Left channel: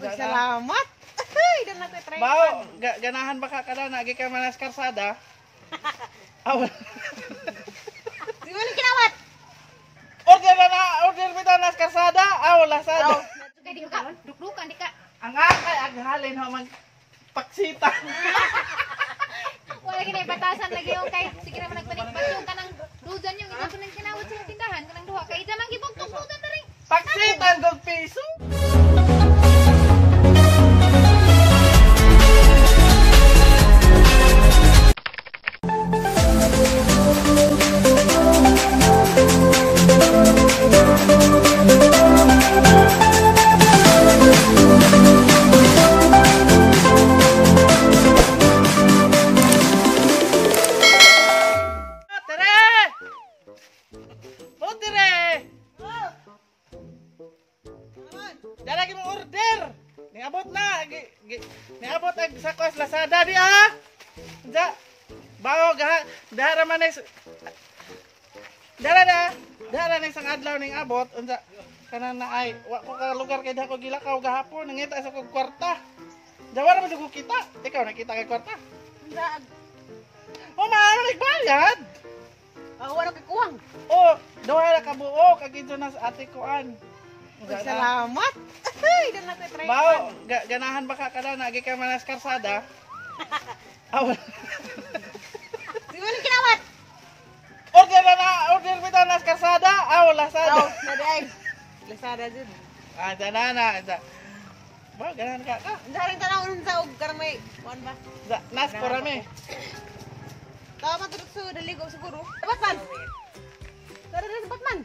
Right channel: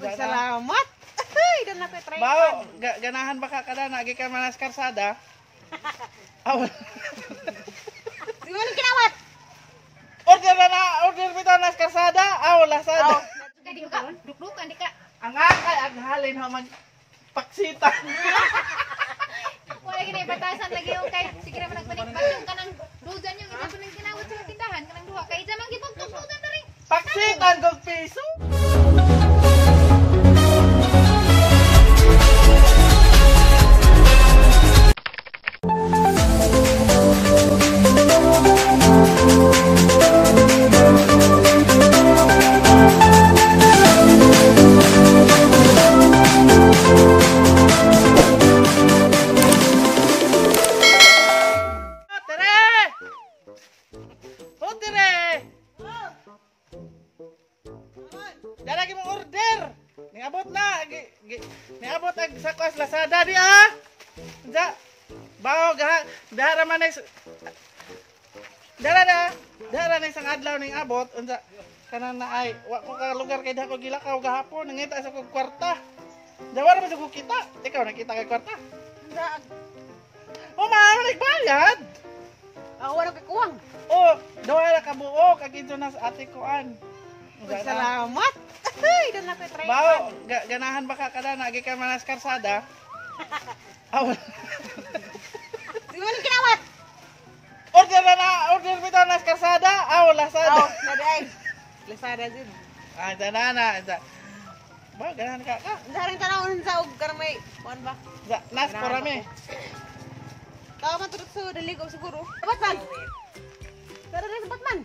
Salamat. Ay, dala ko try. Bao, ganahan ba ka kada nagi ka manas karsada? Aw. Di mo ni kinawat. Order bitaw nas karsada. Aw, lasada. Kadi ka, duk-dukan di ka. Ang akay ang halin ho mag paksitan. Wala gini batasan lagi yung kay sige ra man nagpanikpat yung kanang dudan yung isa punang kinawat sa tindahan kanang duha kay isa man gibugtog-bugan ta rin. Paksitan gog piso. Dalagi mong order. Niabot na. Niabot ang sa kwas Lazada di ah. Ja. Bao dara man is. Dara na isang adlaw ning abot unsa kanan na ay wa ko ka lugar kay dako gilakaw gahapon nangita sa kog kwarta. Dawara man jud ko kita. Ikaw nakita kay kwarta. Unsa? O maano nagbayad? Wala kay kuwang. O dawara ka buo kag ito na sa ate koan. Salamat. Ay, dala ko try. Bao, ganahan ba ka kada nagi ka manas karsada? Aw. Di mo ni kinawat. Order bitaw nas karsada. Aw, lasada. Naday. Lazada jud. Ah, danana. Bao, ganahan ka. Daring tanawon sa og karang may kuan ba? Nas porame. Tama turut sa daligo siguro. Batman. Tara na sa Batman.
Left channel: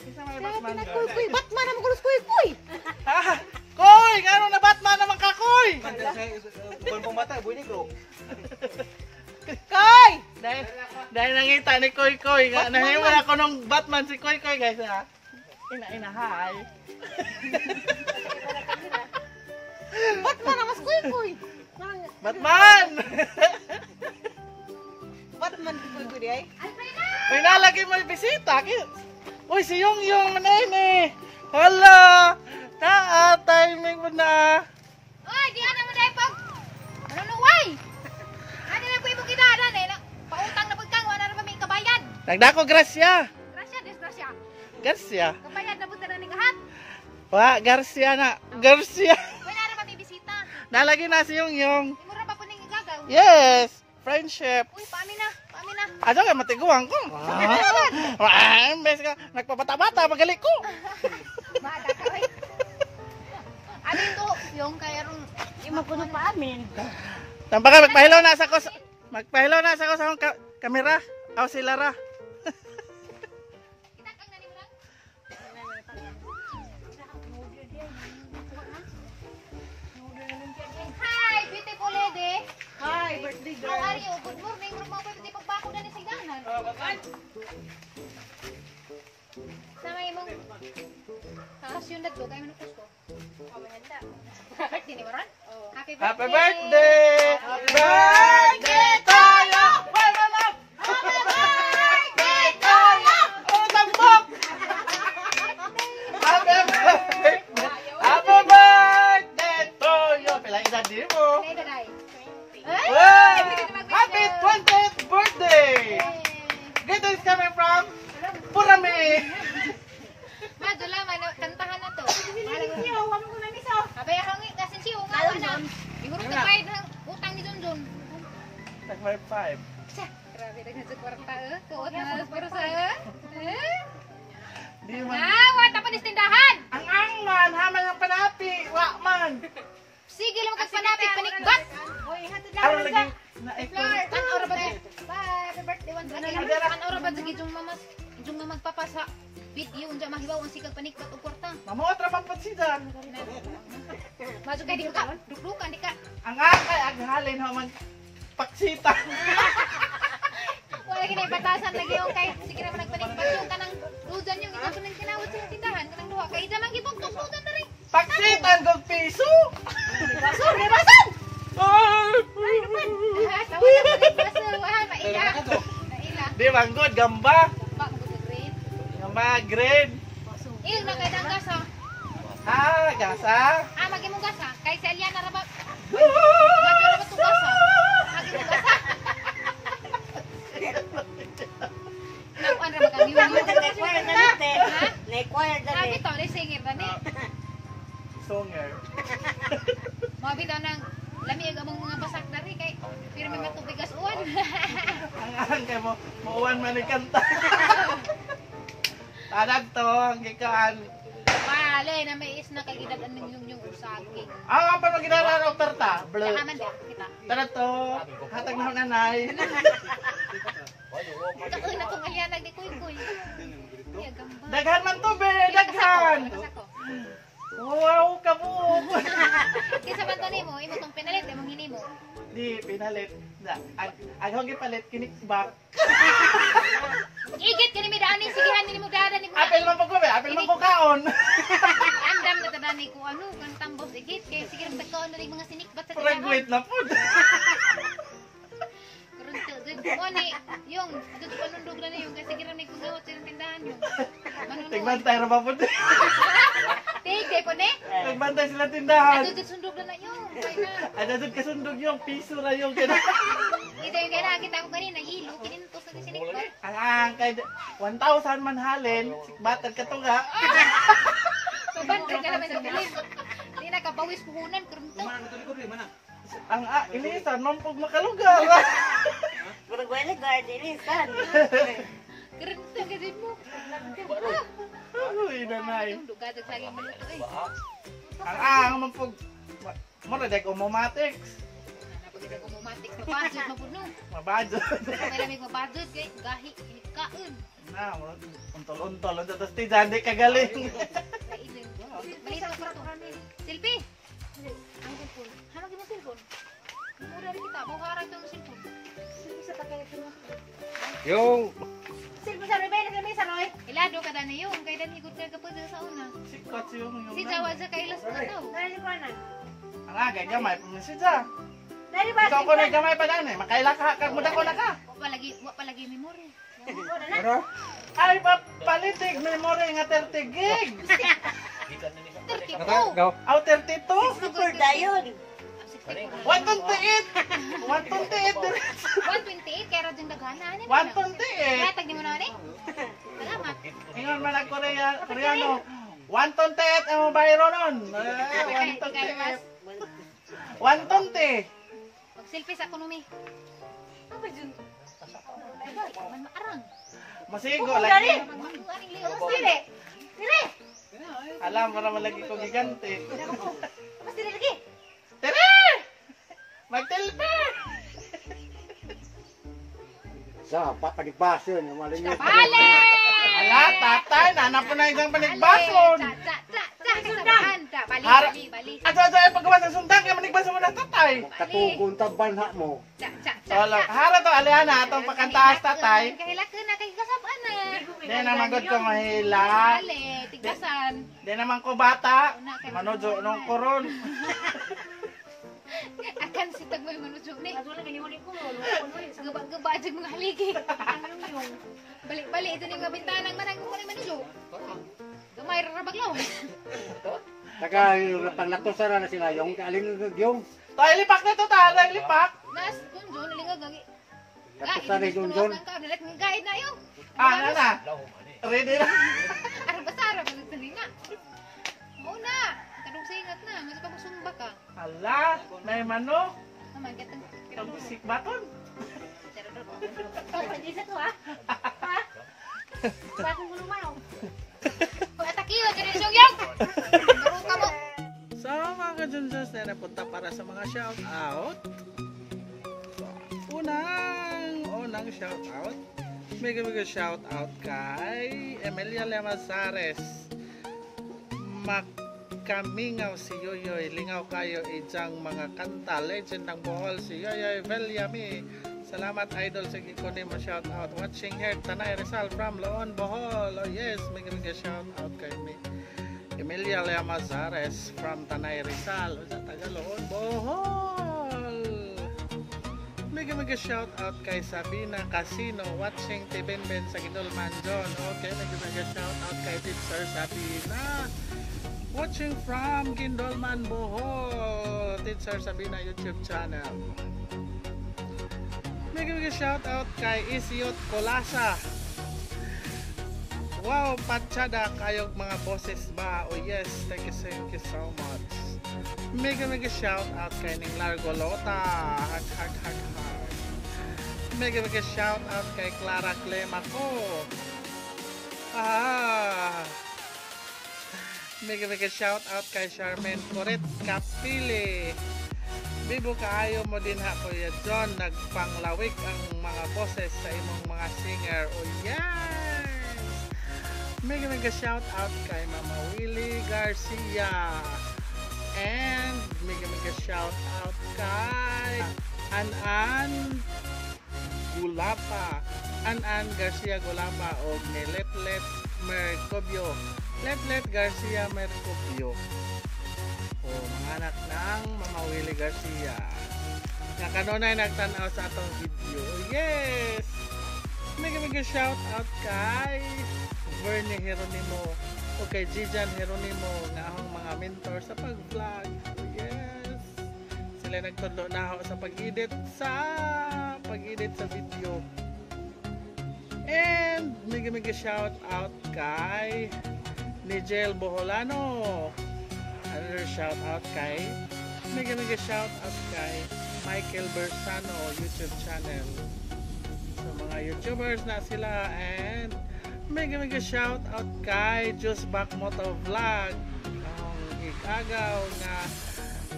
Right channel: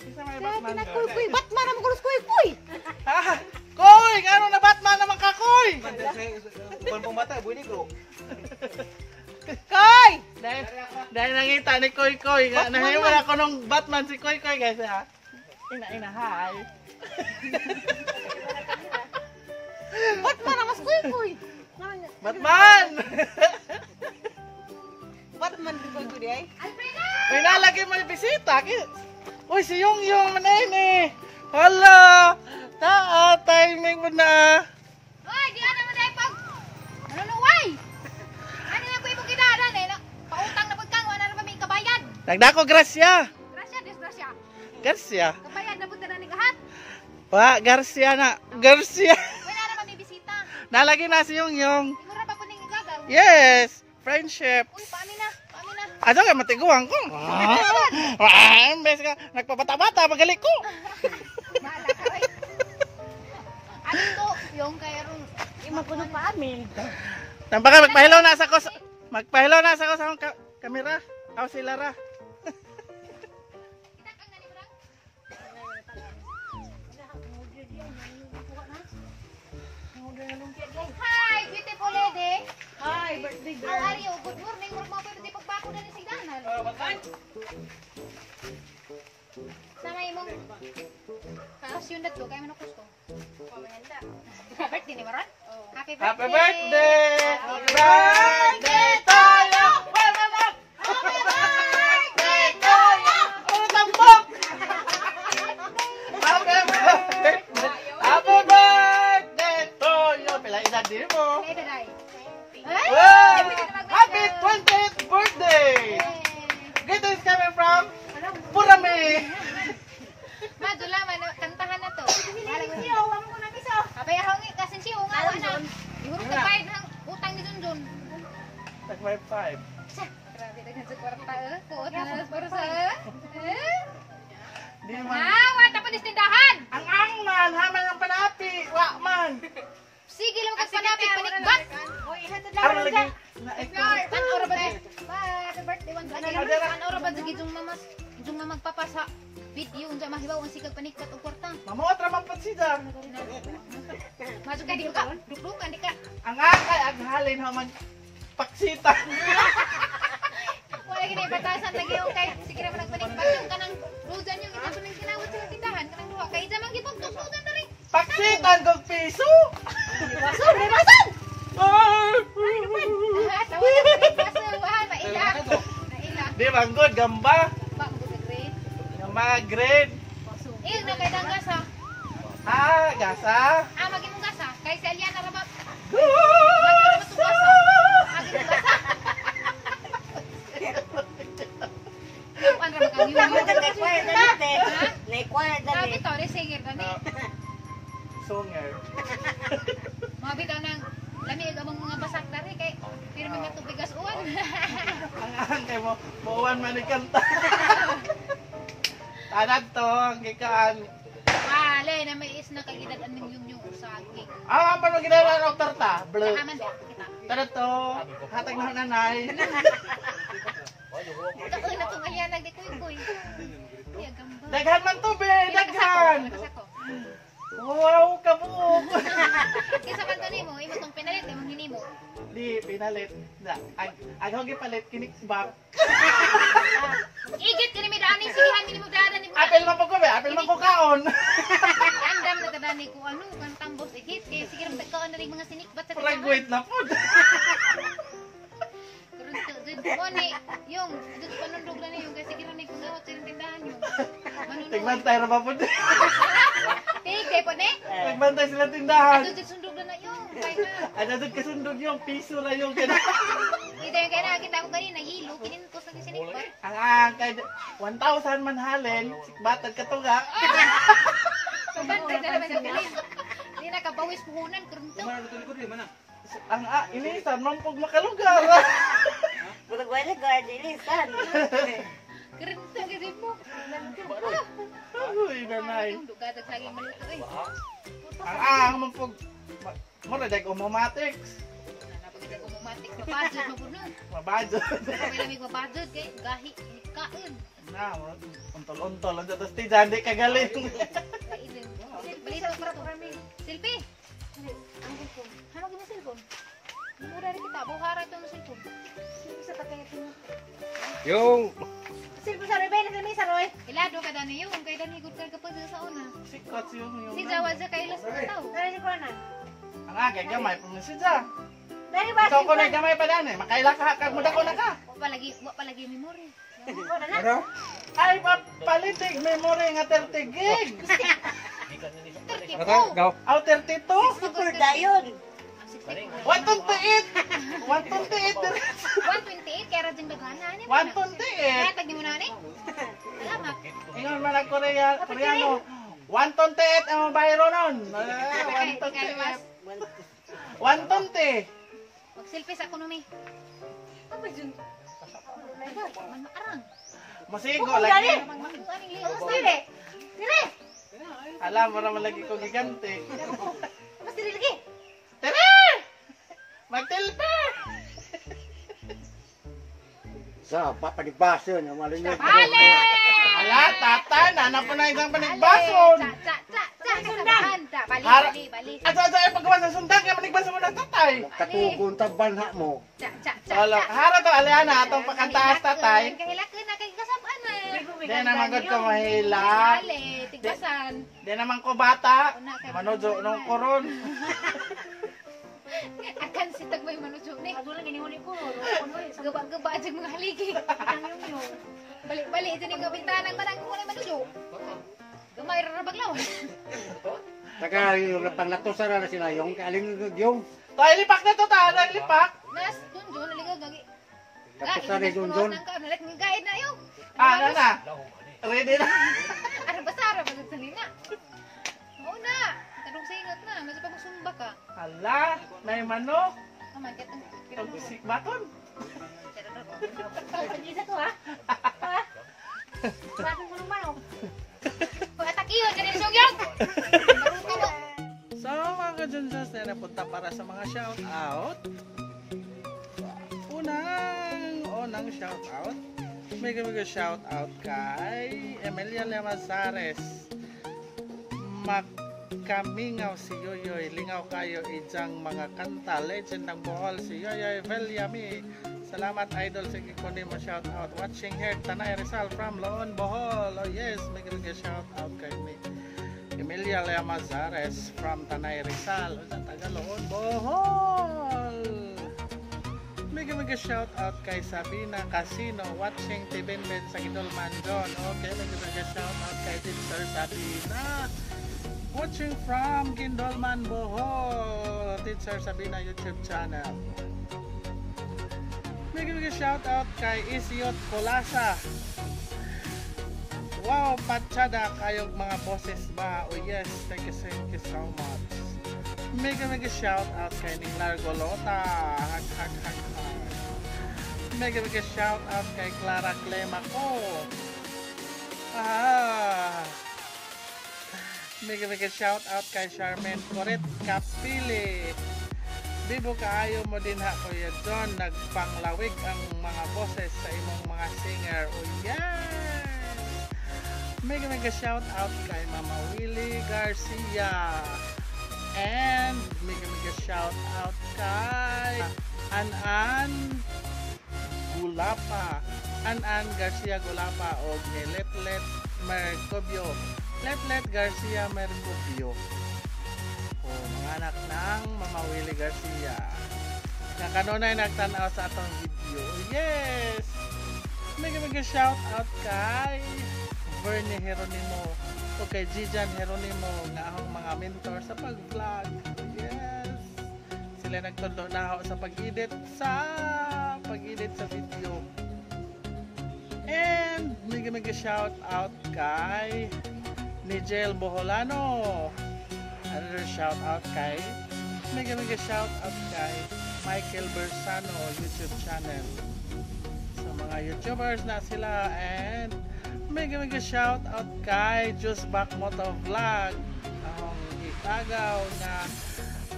Isa may Batman ka. Kuy, Batman naman kulos kuy. Ah, koy, ngano na Batman naman ka, koy? Buwan pong mata, buwan ko. Koy! Dahil nangita ni Koy Koy, nahiwala ko nung Batman si Koy Koy guys ha. Ina, hi. Batman naman kuy. Batman! Batman si kuy di ay. May nalagi mo yung bisita. Uy, si Yung manene. Hala! Timing mo na. Oy, di na mo dai pag. Luluway. Ani na kuy mo kidada na. Pautang na pagkang wala na may kabayad. Nagdako grasya. Grasya, disgrasya. Garcia. Kabayad na punta na ni kahat. Wa, Garcia na. Garcia. Wala na may bisita. Nalagi na si Yung. Mura pa po ning gagaw. Yes! Friendship. Uy, paani na? Ado ka matiguan ko. Imbes ka nagpabata-bata magali ko. Bada ka oy. Ano to? Yung kaya rong imakuno pa amin. Tambaka magpahilaw na sa ko. Magpahilaw na sa ko sa akong kamera. Aw si Lara. Hi, beautiful lady. Hi, birthday girl. How are you? Good morning. Murag mga pwede pagbako na ni sigdanan. Sama imong kasyon na to, kaya manukos ko. Maganda. Birthday ni Maron? Happy birthday! Happy birthday! Birthday to you! Happy birthday to you! Oh, tambok! Happy birthday! Happy birthday to you! Pila edad din mo? Hey, daday. Wow! Happy 20th birthday! Dito is coming from Purame! Madula, kantahan na to. Siyo, huwag mo na niso. Abay, hangi, kasi siyo, nga, wala. Ihurog ka bayad ng utang ni Junjun. Like my 5. Grabe, naging sa kwarta, kuot na sa pursa, Di man. wata pa ni tindahan. Ang angman, haman ang panati, wakman. Sige lang magpanapit, panikbat. Araw lagi na ito. Tan ora ba di? Happy birthday once again. Tan ora ba di jung magpapasa video unsa mahibaw ang sikag panikbat og kwarta. Mamuot raman po siya. Masuk ka di ka, duk-dukan di ka. Ang akay, ang halin ho mag paksitan. Wala gini batasan lagi yung kay sige ra man nagpanikbat yung kanang dudan yung isa punang kinawat sa tindahan kanang duha kay isa man gibugtog-bugan ta rin. Paksitan gog piso. Sorry, rasan. Di banggod gamba. Gamba grade. Iyong na kay dangas ha. Ah, gasa. Magimong gasa. Kay si Aliana ra ba? Lagi ra ba to gasa? Magimong gasa. Nakuan ra ba kami yung Nag-acquire na ni te. Ha? Nag-acquire na Sabi ni. to, singer na ni. Songer. Mabi daw nang lamig among mga basak dari kay pirmi nga tubig gas uwan. Ang kay mo, muuwan man ni kanta. Tanag to, ang kikaan. Wale na may is na kay gidadan ning yung usaging. Pa na ginala ng torta. Blue. Kaman dia kita. Tanag to, hatag na nanay. Taoy na tong alianag di kuy. Iya gamba. Daghan man to, be. Pila ka sako? Daghan. Pila ka sako? Wow, kabuok. Kisa man to nimo, imo tong pinalit imong hinimo. Di, pinalit. Ang hogi palit, kinikbak. Igit kini mi daani sigihan nimo dadan nimo. Apel man po ko, be. Apel man po kaon. Andam na tadani ko ano kan tambos igit kay sige ra tagkaon na ring mga sinikbat sa tindahan. Graduate na po. Kurunto dud ko ni yung dud panundog na yung kay sige ra may pangawat sa tindahan yung. Manuno. Tigbantay ra ba po? Tigay po ni. Tigbantay sila tindahan. Adud sundog na yung kay na. Ano doon kasundog yung piso na yung kina. Ito yung kaya nakita ko kanina yilo kinintos na sinikbat. Ang kay 1,000 man halin, sikbatag katuga. So bantay na naman sa bilin. Di nakabawis puhunan kurunto. Ang inisan man pug makalugar. Kurang wala guard ilisan. Kurunto kasi mo. Uy, nanay. Dugadag sa aking maluto eh. Ang man pug mo na dag umomatics. Napagida ko mumatik mabadjud mabuno. Mabadyo. May lamig mabadjud kay gahi kaon. Na, untol-untol ang datos ti dandi kagaling. Kainin. Balito ko ra to. Silpi. Hamag mo cellphone. Mura rin kita, buhara itong cellphone. Isa pa kayo ito. Yo. Silpo sa Rebay na sa mesa Roy. Ilado ka dani yung, kay dani higod kay kapag sa una. Sikat yung Si Zawad sa kailas na tao. Dari si Conan. Ang agay gamay pumisid sa. Dari ba Ikaw si ko na gamay pa dani, makaila ka kag muda ko na ka. Wa palagi memory. Ano? Ay palitig memory nga 30 gig. 30 Ano? ko. Go. Aw 32. Super dayon. 64. 128. 128 dire. 128 kaya rading daghana ni mo. Kaya 128. tag mo na ni. Salamat. Ingon man ang Koreano. 128 ang bayro nun. Kay mas 120. mag selfie sa ekonomi. Apa jun? Man maarang. Masigo lagi. Magmakuan ning Mas liwas. dire. Dire. Alam mo naman lagi ko gigante. Mas dire lagi. Tere! Magtilpe! Sa papanigbaso na malinyo. Bale! Ala, tatay, nanap po na isang panigbason. Sa kasabahan. Bali, Har- bali, bali. Ato, ay paggawa sa sundang, kaya manigbason mo na tatay. Katukong banha mo. Solo, hara to, Aliana, atong pakantaas tatay. Kahilakon na kay kasabaan na. Di naman gud ko mahila. Bale, tigbasan. Di naman ko bata. Manujo nung koron. Akan si tagmay manusog ni. Adulo ni huli ko. Gaba-gaba dyan mga haligi. Balik-balik ito yung bintanang manang mo na manusog. Gamay rarabaglaw. Saka yung panglaktosa na sila yung kaaling yung. Tay, lipak na to, tay, lipak. Nas, kunjo, nalingog. Laktosa na yung John. Nalit ng guide na yun. Ano na? Ready na? Araw basta, araw basta salina. Oo na. Kadong singat na. Masih pa magsumba ka. Hala, nay mano. Naman, katang Pagbisik baton. Isa to ha. Ha? Bakit mo naman oh? Pag-atakiyon, ganyan yung yung! Maruta mo. So mga kajunsas na napunta para sa mga shout out. Unang shout out. Mega shout out kay Emilia Lemazares. Makamingaw si Yoyoy, lingaw kayo ijang mga kanta. Legend ng Bohol si Yoyoy Velyami. Salamat idol sa gikunin mo shout out. Watching here Tanay Rizal from Loon Bohol. Oh yes, mega shout out kay me. Emilia Lemazares from Tanay Rizal. O sa taga Loon Bohol. Mega shout out kay Sabina Casino watching Tibenben sa Gidolman John. Okay, mega shout out kay Teacher Sabina. Watching from Gindolman, Bohol. Teacher Sabina YouTube channel. Mega shout out kay Isiot Colasa. Wow, patsyada kayog mga boses ba? Oh yes, thank you so much. Mega shout out kay Ning Largo Lota. Hag. Mega shout out kay Clara Clemaco. Mega shout out kay Charmaine Coret Kapili. Bibo kaayo mo din ha Kuya John, nagpanglawig ang mga boses sa imong mga singer. Oh yes! Mega shout out kay Mama Willie Garcia. And mega shout out kay Anan Gulapa. Anan Garcia Gulapa o ni Letlet Mercobio. Letlet Garcia Mercobio. O mga anak ng Mama Willie Garcia. Nga kanunay nagtanaw sa atong video. Oh, yes! Mega shout out kay Bernie Heronimo o kay Gijan Heronimo nga akong mga mentor sa pag-vlog. Oh, yes! Sila nagtudlo na ako sa pag-edit sa video. And mega shout out kay Nigel Boholano. Another shout out kay mega shout out kay Michael Bersano YouTube channel. So mga YouTubers na sila. And mega shout out kay Just Back Moto Vlog. Ang ikagaw nga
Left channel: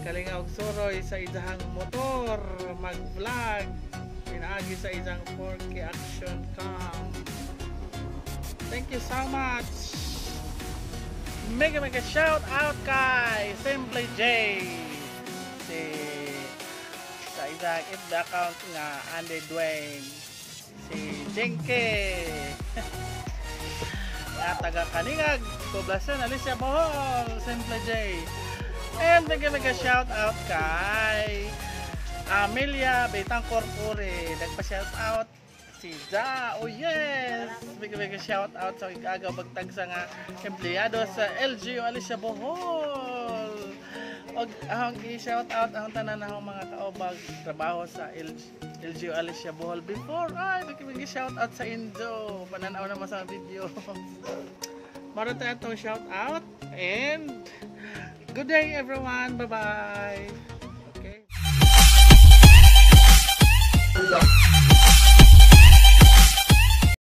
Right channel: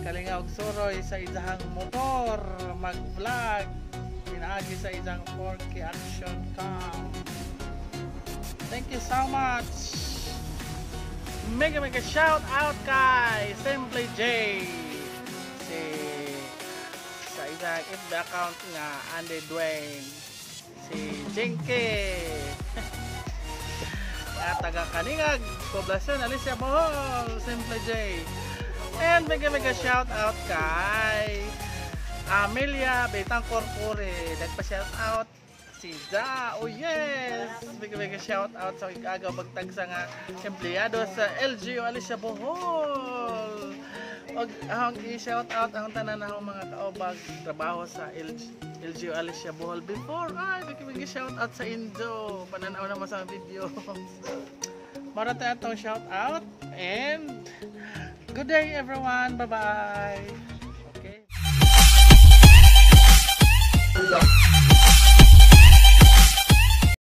kalingaw suroy sa isang motor mag-vlog pinaagi sa isang 4K action cam. Thank you so much. Mega shout out kay Simply J. Sa isang FB account nga Andy Dwayne. Si Jinky. At taga Kaningag, Poblasyon Alicia Bohol, Simply J. And mega shout out kay Amelia Betangkor Puri. Nagpa-shout out si Ja. Oh yes! Mega shout out sa ikagaw magtagsa nga empleyado sa LGU Alicia Bohol. Og ang i-shout out ang tanan ng mga kaobag trabaho sa LGU Alicia Bohol before. Ay, mega shout out sa Indo. Pananaw naman sa video. Mara tayo itong shout out and good day everyone. Bye bye. Okay.